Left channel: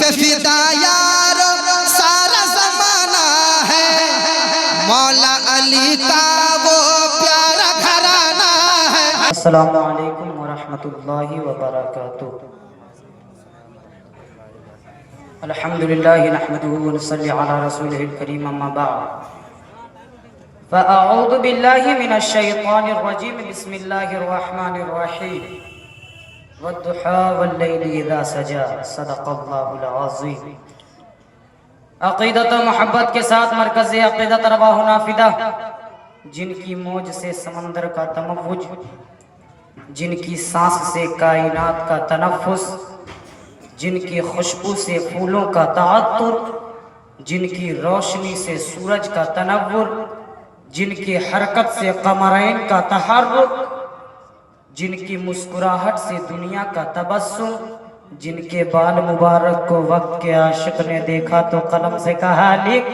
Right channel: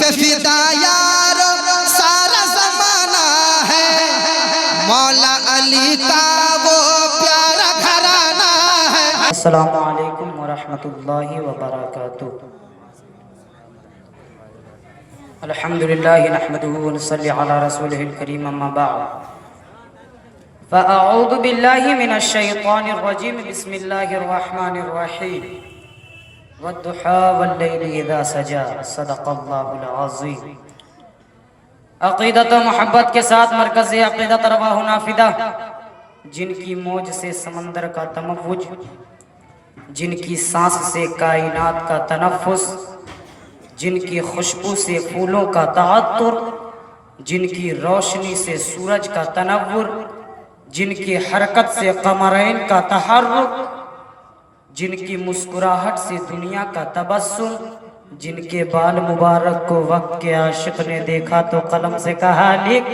پہ فدا یارو سارا زمانہ ہے، مولا علی کا وہ پیارا گھرانہ ہے۔ السلام علیکم ورحمۃ اللہ وبرکاتہ۔ الحمدللہ نحمدہ ونصلی علی رسولہ الکریم، اما بعد فاعوذ باللہ من الشیطان الرجیم، بسم اللہ الرحمن الرحیم، والضحی واللیل اذا سجی، صدق اللہ العظیم۔ عقیدت و محبت کے ساتھ مرکز عقیدت ارواح نافدہ، جن کی موج سے سمندر کا تموج، جن کی سانس سے کائنات کا تنفس، جن کی خوشبو سے پھولوں کا تعطر، جن کی روشنی سے سورج کا تنور، جن کی حرکت سے قمرین کا تحرک، جن کی مسکراہٹ سے دنیا کا تبسم، جن کے بال مبارک کو وقت کے عاشق نے دیکھا تو قلم سے کہا لکھ،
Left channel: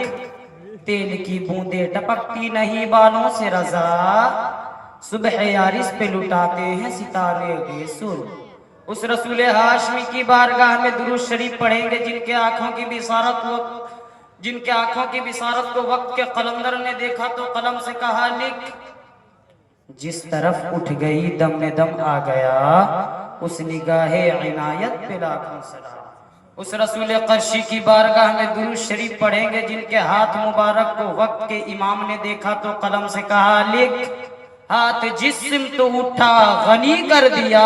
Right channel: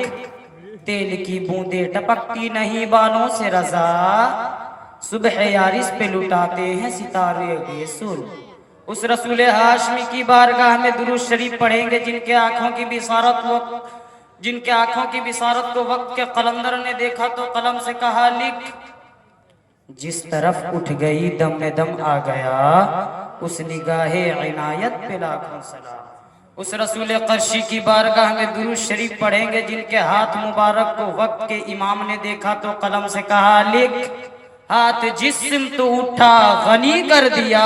تیل کی بوندیں ٹپکتی نہیں بالوں سے رضا، صبح یارس پہ لٹاتے ہیں ستارے بیسر۔ اس رسول ہاشمی کی بارگاہ میں درود شریف پڑھیں گے جن کے آنکھوں کی بصارت کو وقت کے قلندر نے دیکھا تو قلم سے کہا لکھ، جس طرف اٹھ گئی دم میں دم آ گیا، اس نگاہ عنایت پہ لاکھوں سلام۔ اس رسول قرشی کی بارگاہ میں درود شریف پڑھیں گے جن کے ہاتھ مبارک کو وقت کے امام نے دیکھا تو قلم سے کہا لکھ، ہاتھ جس سمت اٹھا غنی کر دیا،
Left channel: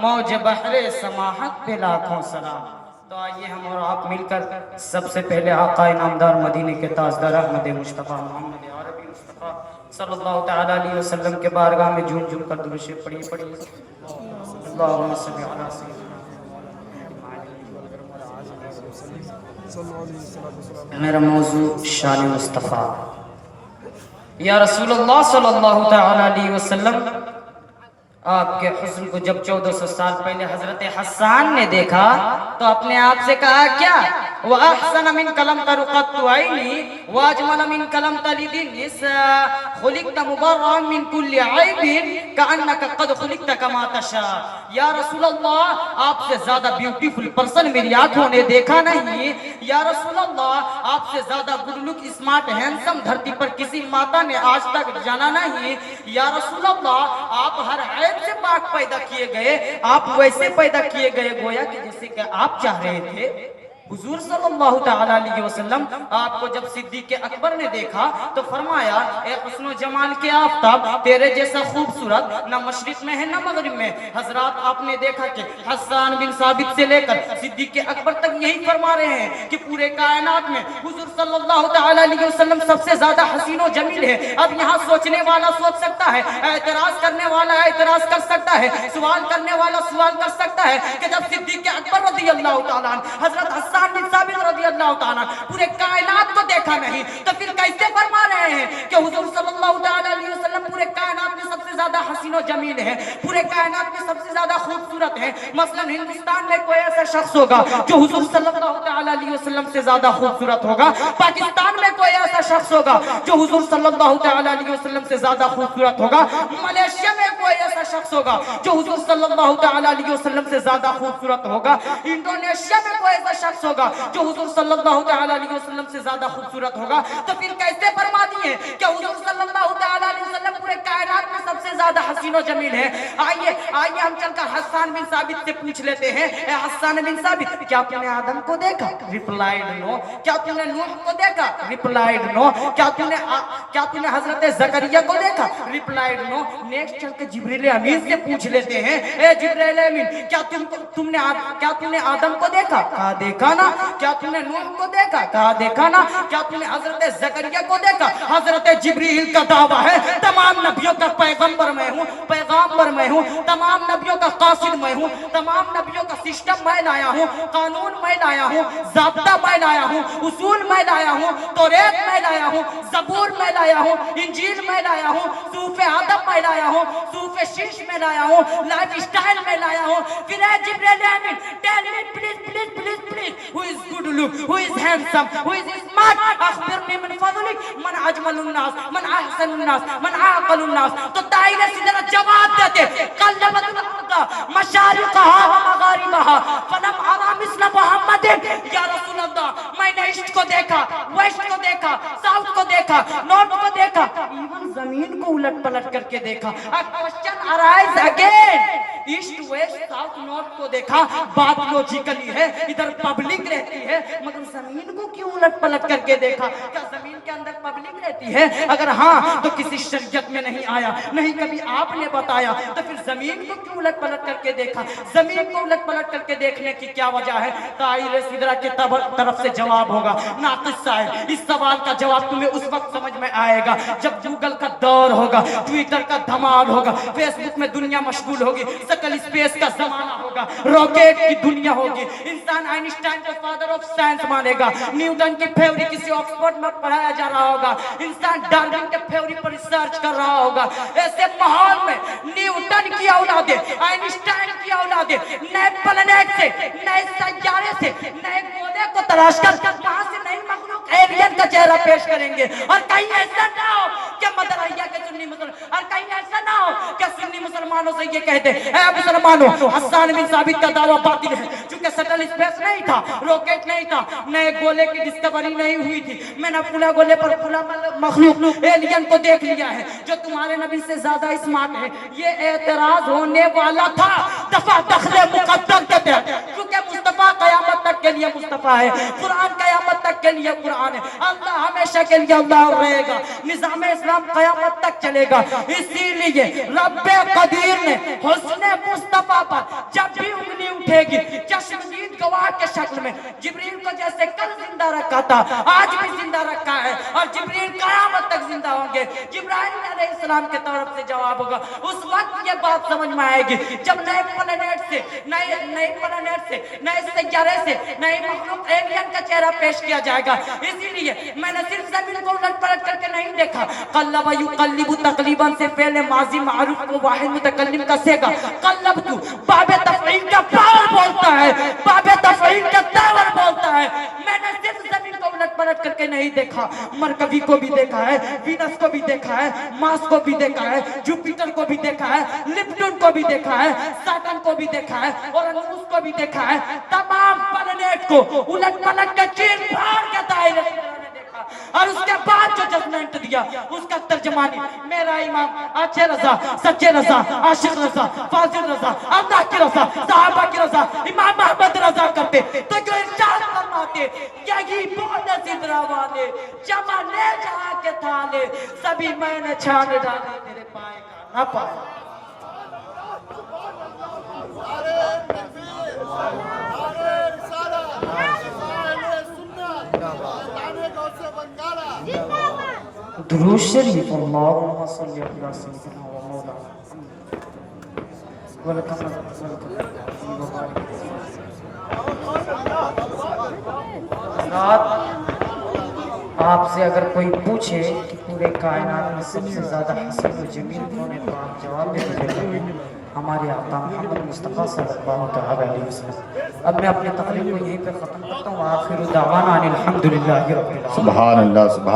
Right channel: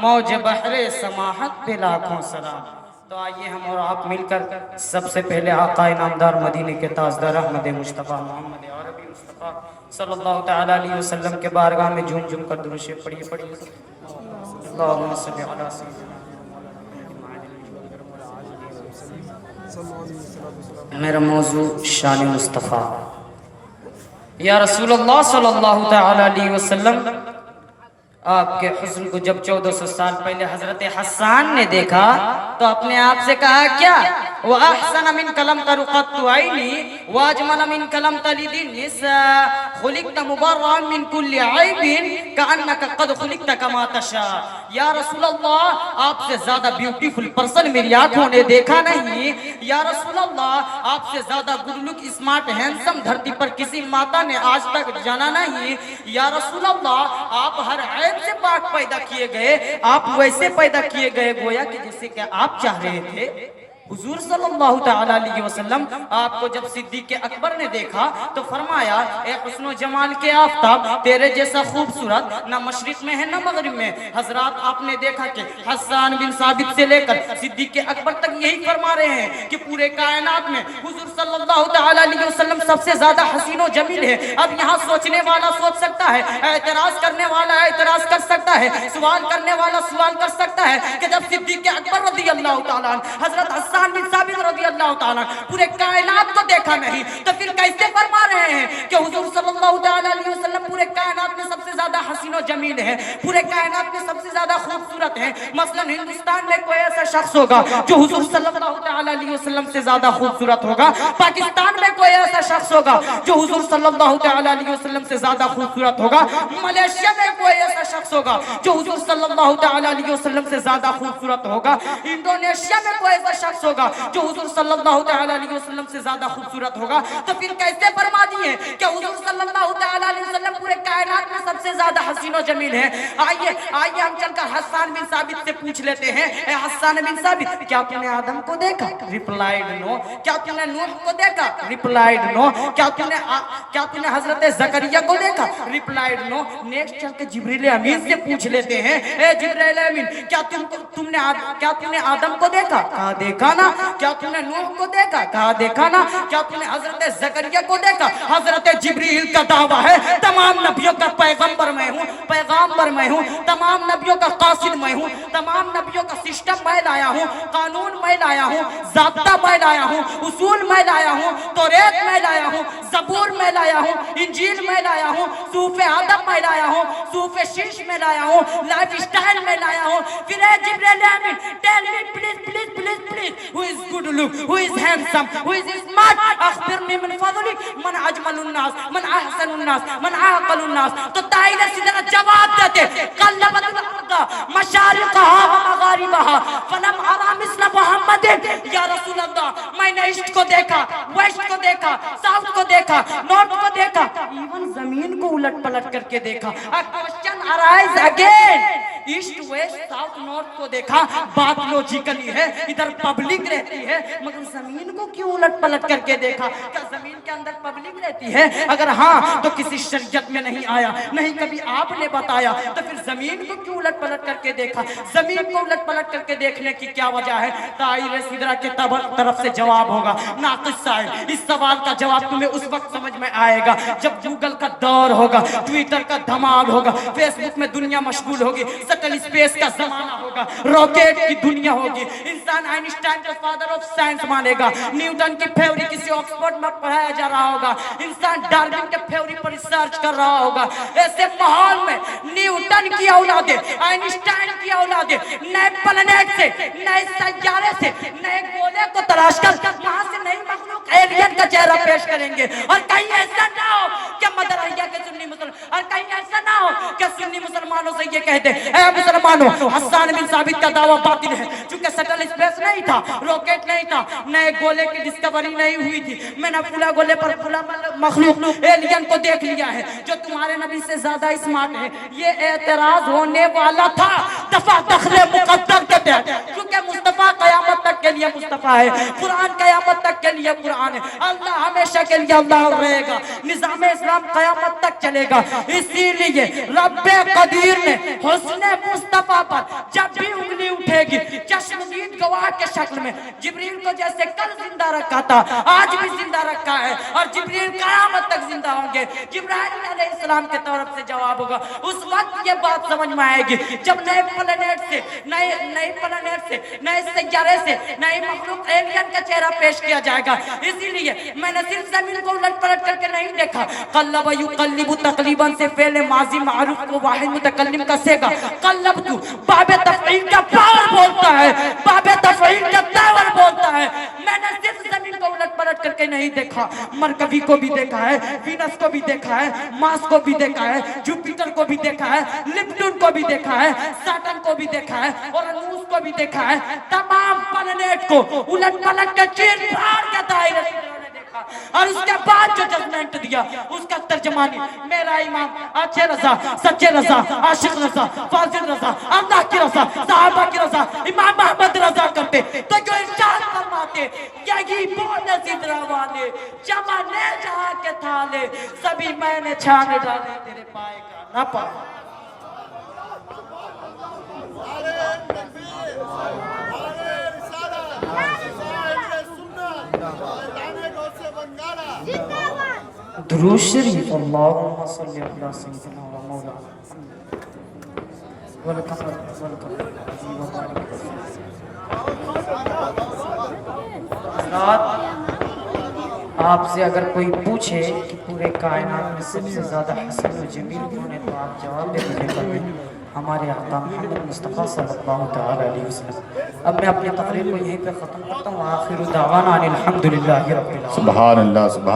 موج بحر سماحت پہ لاکھوں سلام۔ تو آئیے ہم اور آپ مل کر سب سے پہلے آقا انعامدار مدینے کے تاجدار احمد مصطفیٰ محمد عربی مصطفیٰ صلی اللہ تعالیٰ علیہ وسلم کے بارگاہ میں جھوم جھوم کر درود شریف پڑھیے۔ اللہم صلی علی سیدنا۔ میرا موضوع شان مصطفیٰ۔ یا رسول اللہ صلی اللہ تعالیٰ علیہ وسلم، آپ کے حسن کو جب 1400 سال پہلے حضرت حسان نے دیکھا تو اپنے آپ سے کہا کیا؟ وَأَحْسَنَ مِنْ كَلَمْ تَرُقَتُّ عَيْنِي وَأَجْمَلَ مِنْ كَلَمْ تَلِدِ النِّسَاء خُلِقْتَ مُبَرًّا مِنْ كُلِّ عَيْبٍ كَأَنَّكَ قَدْ خُلِقْتَ كَمَا تَشَاءُ۔ یا رسول اللہ، آپ سے زیادہ بیوٹیفل پرسن میری آنکھوں نے دیکھا نہیں۔ یا رسول اللہ، آپ سے زیادہ گڈ لک اسمارٹ ہینڈسم دھرتی پر کسی ماتا نے آج تک جانا نہیں۔ یا رسول اللہ، آپ ہر عیب سے پاک پیدا کیے گئے، آپ ویسے پیدا کیے گئے گویا کہ جیسے کہ آپ چاہ رہے تھے۔ حضور صلی اللہ تعالیٰ علیہ وسلم، آپ کو جب صدیق اکبر نے دیکھا تو فرمایا، اے حسن و جمال کے آفتاب، تیرے جیسا خوبصورت نہ مشرق میں ہے نہ مغرب میں۔ حضرات، آپ نے دیکھا کہ حسان بن ثابت سے لے کر صدیق اکبر تک یہی فرما رہے ہیں کہ پورے کائنات میں حضور صلی اللہ تعالیٰ علیہ وسلم سب سے زیادہ حسین و جمیل ہے۔ اب یہاں سوچنے والا سوچ سکتا ہے، اعتراض کرنے والا اعتراض کر سکتا ہے، سوال کرنے والا سوال کر سکتا ہے کہ جب صدیق اکبر رضی اللہ تعالیٰ عنہ، حضرت حسان بن ثابت رضی اللہ تعالیٰ پورے کائنات کو دیکھا نہیں تو پھر کیسے فرما رہے ہیں کہ حضور صلی اللہ تعالیٰ علیہ وسلم پورے کائنات میں سب سے زیادہ حسین و جمیل ہے، پورے کائنات میں سب سے زیادہ خوبصورت ہے؟ مثلا ہندوستان میں کوئی ایسا شخص ہوگا جو حضور صلی اللہ تعالیٰ علیہ وسلم سے زیادہ خوبصورت ہوگا؟ پاکستان میں کوئی ایسا شخص ہوگا جو حضور صلی اللہ تعالیٰ علیہ وسلم سے زیادہ خوبصورت ہوگا؟ ملیشیا میں کوئی ایسا شخص ہوگا جو حضور صلی اللہ تعالیٰ علیہ وسلم سے زیادہ خوبصورت ہوگا؟ انڈونیشیا میں کوئی ایسا شخص ہوگا جو حضور صلی اللہ تعالیٰ علیہ وسلم سے زیادہ خوبصورت ہوگا؟ تو پھر کیسے فرما دیے کہ حضور صلی اللہ تعالیٰ علیہ وسلم پورے کائنات میں سب سے زیادہ حسین و جمیل ہے؟ آئیے ہم چل کر حسان بن ثابت سے پوچھ لیتے ہیں، اے حسان بن ثابت، کیا تم نے آدم کو دیکھا؟ ریپلائڈ نو۔ کیا تم نے نوح کو دیکھا؟ ریپلائڈ نو۔ کیا تم نے حضرت زکریا کو دیکھا؟ ریپلائڈ نو۔ نیکسٹ چل کے جبریل امین سے پوچھ لیتے ہیں، اے جبریل امین، کیا تم نے آدم کو دیکھا؟ کہا دیکھا نا۔ کیا تم نے نوح کو دیکھا؟ کہا دیکھا نا۔ کیا تم نے حضرت زکریا کو دیکھا؟ حضرت جبریل کا دعویٰ ہے تمام نبیوں کا پیغمبر میں ہوں، پیغامبر میں ہوں، تمام نبیوں کا قاصد میں ہوں، تمام نبیوں کا سسٹم میں لایا ہوں، قانون میں لایا ہوں، ضابطہ میں لایا ہوں، اصول میں لایا ہوں، توریت میں لایا ہوں، زبور میں لایا ہوں، انجیل میں لایا ہوں، صحف آدم میں لایا ہوں، صحف شیش میں لایا ہوں، لائف سٹائل میں لایا ہوں۔ پھر اے Jibreel Amin, tell me please please please please, who is good look, who is handsome, who is smart, اخبرنی من فضلک، من اجمل الناس، من احسن الناس، من عاقل الناس۔ تو دائرے سے ذرا جواب دیتے، قلبت الارض مشارقها ومغاربها فلم ارى مثل محمد یا رسول اللہ میں نے ایسٹ کو دیکھا ویسٹ کو دیکھا ساؤتھ کو دیکھا نارتھ کو دیکھا ایون زمین کو الٹ پلٹ کر کے دیکھا question arise again east west south north کو دیکھا بات لوجیکلی ہے ادھر پبلک رہتی ہے مگر زمین کو کیوں الٹ پلٹ کر کے دیکھا کیا زمین کے اندر پبلک رہتی ہے اگر ہاں تو کسی شریعت میں نہیں آیا نہیں کبھی آپ نے بتایا تو پھر زمین کو کیوں الٹ پلٹ کر کے دیکھا زمین کو الٹ پلٹ کر کے دیکھنے کی کیا وجہ ہے دائرہ سدرہ کی طرف سے جواب ہوگا ناقص صاحب اس سوال کا جواب تمہیں اس وقت سمجھ میں آئے گا جب گوگل کا دور ہوگا ٹویٹر کا دھمال ہوگا فیس بک میں دنیا مشغول ہوگی سٹل اسپیس کا زمانہ ہوگا راکٹ کی دنیا ہوگی انسان آئنسٹائن کو فادر آف سائنس مانے گا نیوٹن کی تھیوری کسی آکسفورڈ میں پڑھایا جا رہا ہوگا انسان ڈارون کے تھیوری پر ریسرچ کر رہا ہوگا ایسے ماحول میں نیوٹن کی اولادیں آئنسٹائن کی اولادیں نئے پلانیٹ سے نئے سیارے سے نئے گولے کو تلاش کر وہاں سے نئی مخلوق ایلین کا چہرہ پیش کریں گے اور کہیں ایسا نہ ہو کہ مدرعیہ کے سنی مسلمان اور کہیں ایسا نہ ہو کہ سنی مسلمانوں سے یہ کہتے اے مسلمانوں حسان بن ثابت کا دعویٰ باطل ہے چونکہ سٹل اسپیس نہیں تھا راکٹ نہیں تھا نئے گولے کی ڈسکوری نہیں ہوئی تھی میں نے فلاں گولے پر فلاں مخلوق ایلین کو دیکھ لیا ہے جو تمہارے نبی سے زیادہ اسمارٹ ہے یہ اعتراض ہونے والا تھا دفع دخل مقدم کے تحت کیونکہ مصطفیٰ قیامت تک کے لیے مصطفیٰ ہے قرآن قیامت تک کے لیے قرآن ہے اللہ ہمیشہ کے لیے اللہ رہے گا نظام اسلام قیامت تک چلے گا اسی لیے رب قدیر نے حسن مصطفیٰ پر جب بھی انگلی اٹھے گی چشمدید گواہ کے شکل میں جبریل کو جیسے کل زندہ رکھا تھا آج بھی زندہ رکھا ہے اور جبریل قیامت تک زندہ ہوں گے جبرائیل علیہ السلام کے طرف سے جواب ہوگا اس وقت یہ بات سمجھ میں آئے گی جب نئے پلانیٹ سے نئے پلانیٹ سے نئے سیارے سے نئے مخلوق ایلین کا چہرہ پیش کیا جائے گا اسی لیے میں نے صرف زمین کو الٹ پلٹ کر کے نہیں دیکھا قلب یقلب تقلیباً سے فعل ماضی معروف کو واحد متکلم کا سیگا قلب تو باب تفعیل کا فعل بولتا ہے باب تفعیل کا تاور بولتا ہے میں نے صرف زمین کو الٹ پلٹ کر کے نہیں دیکھا مرکبی کو بھی دیکھا ہے وینس کو بھی دیکھا ہے مارس کو بھی دیکھا ہے جوپیٹر کو بھی دیکھا ہے لپٹون کو بھی دیکھا ہے سیٹرن کو بھی دیکھا ہے اور انوس کو بھی دیکھا ہے تمام پلانیٹ کو الٹ پلٹ کے چیر پھاڑ کے دائرے سے اور اس کے بعد جو ججمنٹ دیا اس کا ترجمانی میرا امام اچھے رضا سچے رضا عاشق رضا فاضل رضا اللہ کی رضا صحابہ کی رضا امام محمد رضا کرتے تو جو ارشاد فرماتے یہی بولے زندرہ والے جمع لے جہاں کے تھالے سبھی میں نے چھانے ڈالے تیرے پائے کا نہ پائے درود شریف اللہم صلی اللہ سیدنا آپ سے اگر کوئی پوچھے کہ پورے کائنات میں سب سے زیادہ حسین و جمیل کون ہے تو آپ جواب دے دیجئے ہمارے آقا محمد مصطفیٰ صلی اللہ علیہ وسلم اب میں اپنی تقریر کو یہیں پر ختم کرتا ہوں آخر دعوانا الحمدللہ رب العالمین سبحان اللہ سبحان